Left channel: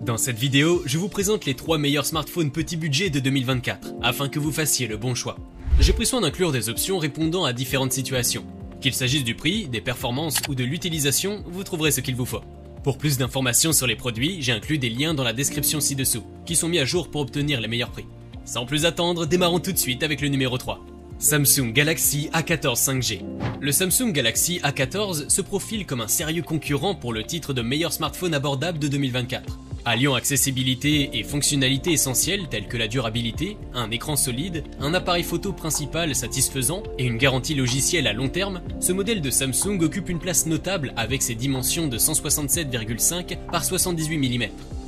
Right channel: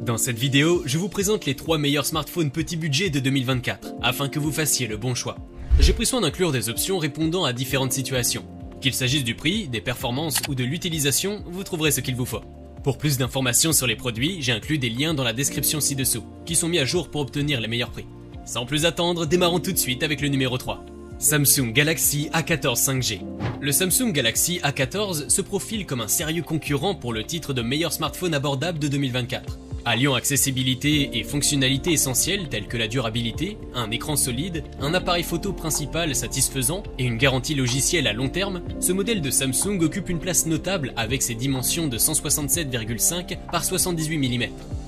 Dans cette vidéo, je vous présente les 3 meilleurs smartphones petit budget de 2024, afin que vous fassiez le bon choix. J'ai pris soin d'inclure des options répondant à différentes situations. Qu'il s'agisse du prix, des performances ou de l'utilisation, vous trouverez ce qu'il vous faut. Pour plus d'informations sur les produits, j'ai inclus des liens dans la description ci-dessous, qui sont mis à jour pour obtenir les meilleurs prix. Sans plus attendre, démarrons tout de suite avec le numéro 3. Samsung Galaxy A14 5G. Le Samsung Galaxy A14 se profile comme un sérieux concurrent pour le titre de meilleur smartphone abordable de 2024. Alliant accessibilité et fonctionnalités essentielles telles que la durabilité, un écran solide, un appareil photo principal satisfaisant et une garantie logicielle à long terme, ce modèle de Samsung occupe une place notable avec ses dimensions de 167,5 par 78 mm.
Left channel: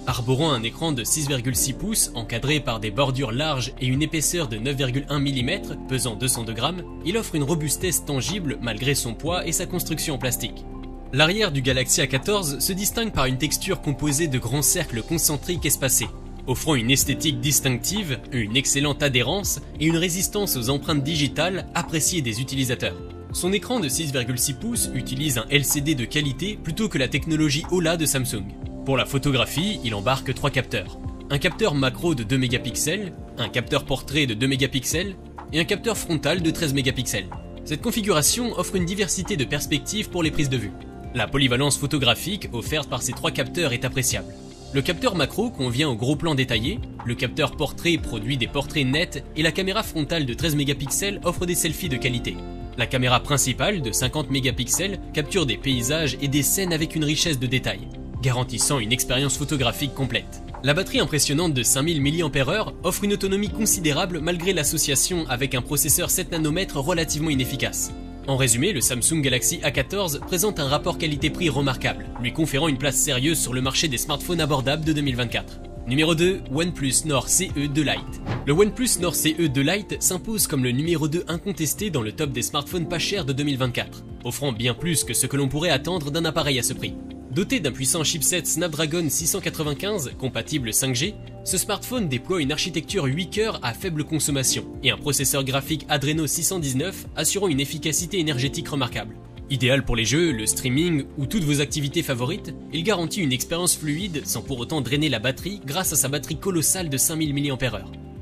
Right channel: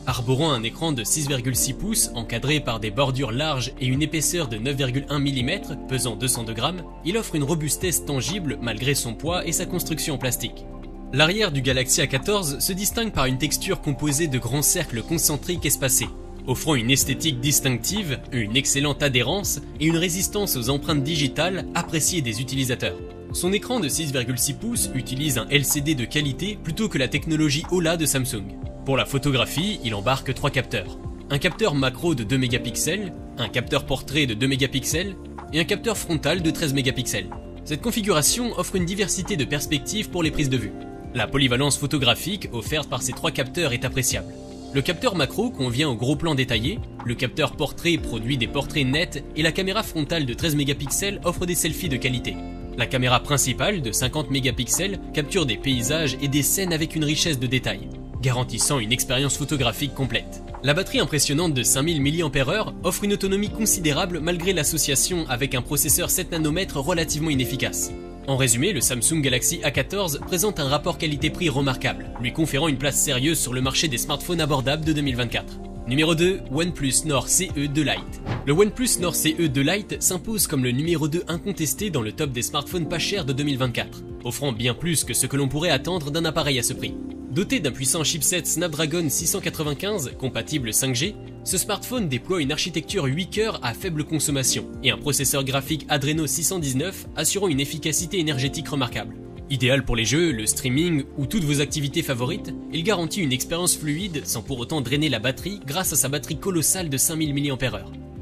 Arborant un écran de 6,6 pouces encadré par des bordures larges et une épaisseur de 9,1 mm pesant 202 grammes, il offre une robustesse tangible malgré son poids et sa construction en plastique. L'arrière du Galaxy A14 se distingue par une texture composée de grands cercles concentriques espacés, offrant une esthétique distinctive, une excellente adhérence et une résistance aux empreintes digitales appréciées des utilisateurs. Son écran de 6,6 pouces utilise un LCD de qualité plutôt que la technologie OLED de Samsung. Pour la photographie, il embarque 3 capteurs. Un capteur macro de 2 mégapixels, un capteur portrait de 2 mégapixels et un capteur frontal de 13 mégapixels. Cette configuration offre une diversité de perspectives pour les prises de vue. La polyvalence photographique offerte par ces 3 capteurs est appréciable. Le capteur macro convient au gros plan détaillé, le capteur portrait produit des portraits nets et la caméra frontale de 13 mégapixels offre des selfies de qualité. La caméra principale de 50 mégapixels capture des paysages et des scènes avec une richesse de détails, garantissant une expérience photographique complète. La batterie impressionnante de 5000 mAh offre une autonomie considérable malgré l'association avec un processeur 7 nanomètres relativement inefficace. En résumé, le Samsung Galaxy A14 présente un rapport qualité-prix remarquable, lui conférant une place sérieuse sur le marché des smartphones abordables de 2024. Numéro 2, OnePlus Nord CE2 Lite. Le OnePlus Nord CE2 Lite s'impose comme le numéro 2 incontesté dans le top des smartphones pas chers de 2024, offrant bien plus que ce que l'on pourrait attendre d'un appareil à ce prix. Doté d'un puissant chipset Snapdragon 695 compatible 5G, ce smartphone déploie une architecture 8 cœurs à faible consommation et un processeur graphique Adreno 619 assurant une efficacité énergétique remarquable. Idéal pour les jeux, le streaming ou toutes vos activités favorites, il garantit une expérience fluide sans pour autant drainer la batterie grâce à sa batterie colossale de 5000 mAh.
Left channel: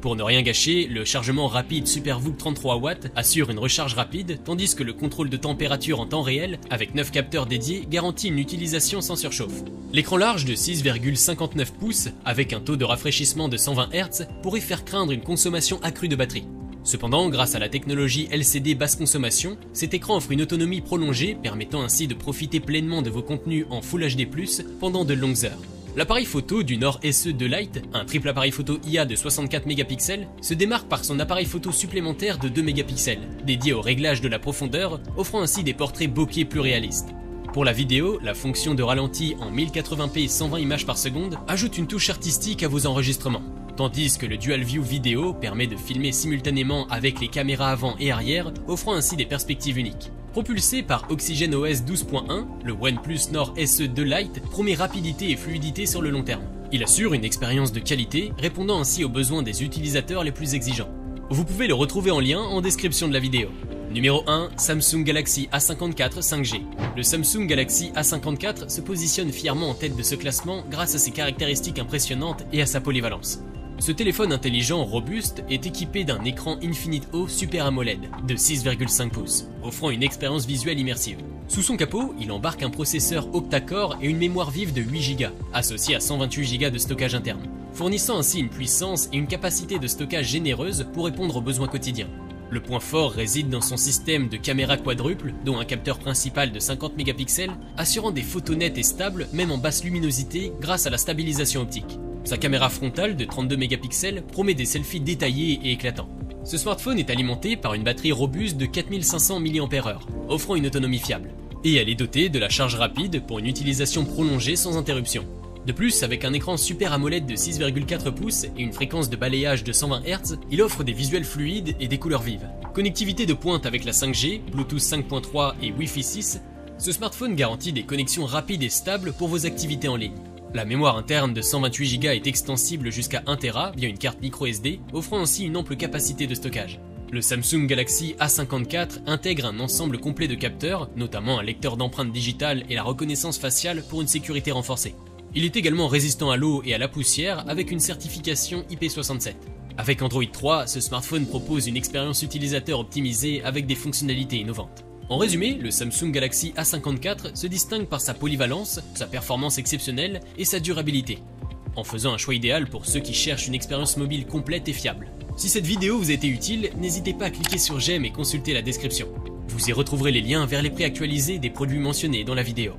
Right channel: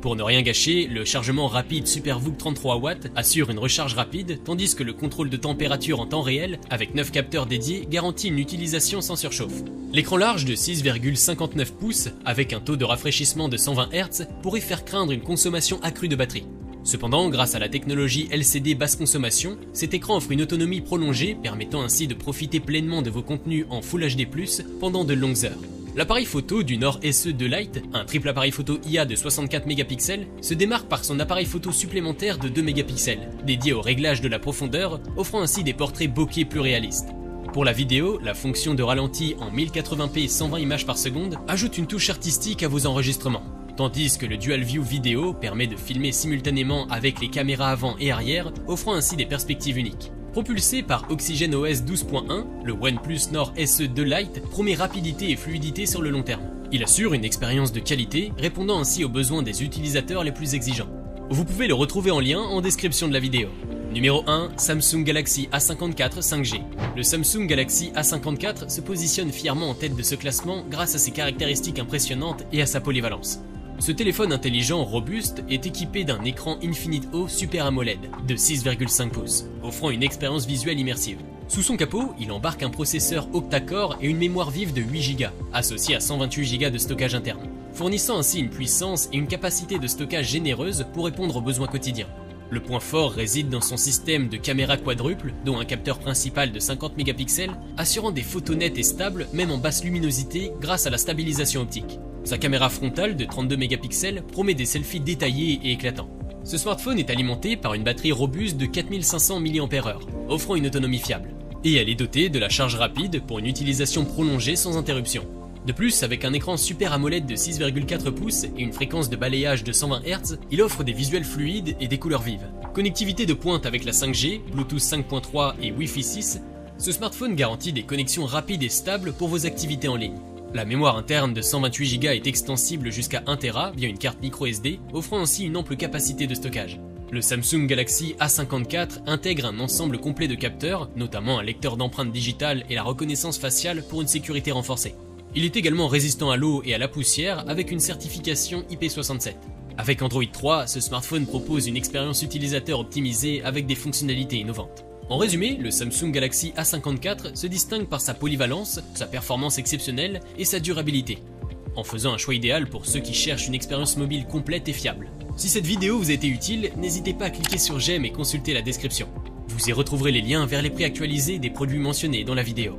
Pour ne rien gâcher, le chargement rapide SuperVOOC 33W assure une recharge rapide, tandis que le contrôle de température en temps réel, avec 9 capteurs dédiés, garantit une utilisation sans surchauffe. L'écran large de 6,59 pouces, avec un taux de rafraîchissement de 120 Hz, pourrait faire craindre une consommation accrue de batterie. Cependant, grâce à la technologie LCD basse consommation, cet écran offre une autonomie prolongée, permettant ainsi de profiter pleinement de vos contenus en Full HD+, pendant de longues heures. L'appareil photo du Nord SE2 Lite, un triple appareil photo IA de 64 mégapixels, se démarque par son appareil photo supplémentaire de 2 mégapixels, dédié au réglage de la profondeur, offrant ainsi des portraits bokeh plus réalistes. Pour la vidéo, la fonction de ralenti en 1080p 120 images par seconde ajoute une touche artistique à vos enregistrements, tandis que le Dual View Vidéo permet de filmer simultanément avec les caméras avant et arrière, offrant ainsi des perspectives uniques. Propulsé par OxygenOS 12.1, le OnePlus Nord SE2 Lite promet rapidité et fluidité sur le long terme. Il assure une expérience de qualité, répondant ainsi aux besoins des utilisateurs les plus exigeants. Vous pouvez le retrouver en lien en description de la vidéo. Numéro 1, Samsung Galaxy A54 5G. Le Samsung Galaxy A54 se positionne fièrement en tête de ce classement grâce à ses caractéristiques impressionnantes et à sa polyvalence. Ce téléphone intelligent robuste est équipé d'un écran Infinite O Super AMOLED de 6,5 pouces, offrant une expérience visuelle immersive. Sous son capot, il embarque un processeur octa-core et une mémoire vive de 8 Go, associée à 128 Go de stockage interne, fournissant ainsi une puissance et une capacité de stockage généreuse pour répondre aux besoins quotidiens. Le point fort réside dans son système de caméra quadruple, dont un capteur principal de 50 mégapixels, assurant des photos nettes et stables, même en basse luminosité, grâce à la stabilisation optique. Sa caméra frontale de 32 mégapixels promet des selfies détaillés et éclatants. Ce smartphone est alimenté par une batterie robuste de 4500 mAh, offrant une autonomie fiable. Et elle est dotée de la charge rapide pour une utilisation prolongée sans interruption. De plus, avec un écran Super AMOLED de 6,4 pouces et une fréquence de balayage de 120 Hz, il offre des visuels fluides et des couleurs vives. Connectivité de pointe avec la 5G, Bluetooth 5.3 et Wi-Fi 6, ce smartphone garantit des connexions rapides et stables pour vos activités en ligne. La mémoire interne de 128 Go est extensible jusqu'à 1 Tera via une carte microSD, offrant ainsi une ample capacité de stockage. Le Samsung Galaxy A54 intègre un ensemble complet de capteurs, notamment un lecteur d'empreintes digitales et la reconnaissance faciale pour une sécurité renforcée. Il est également résistant à l'eau et à la poussière avec une certification IP67. Avec Android 3, ce smartphone propose une expérience utilisateur optimisée avec des fonctionnalités innovantes. En résumé, le Samsung Galaxy A54 se distingue par sa polyvalence, sa performance exceptionnelle et sa durabilité, en faisant un choix idéal pour ceux qui cherchent une expérience mobile complète et fiable. Si cette vidéo vous a été utile, n'hésitez pas à cliquer sur j'aime et consulter la description. Vous y retrouverez les liens vers les prix actualisés des produits mentionnés dans la vidéo.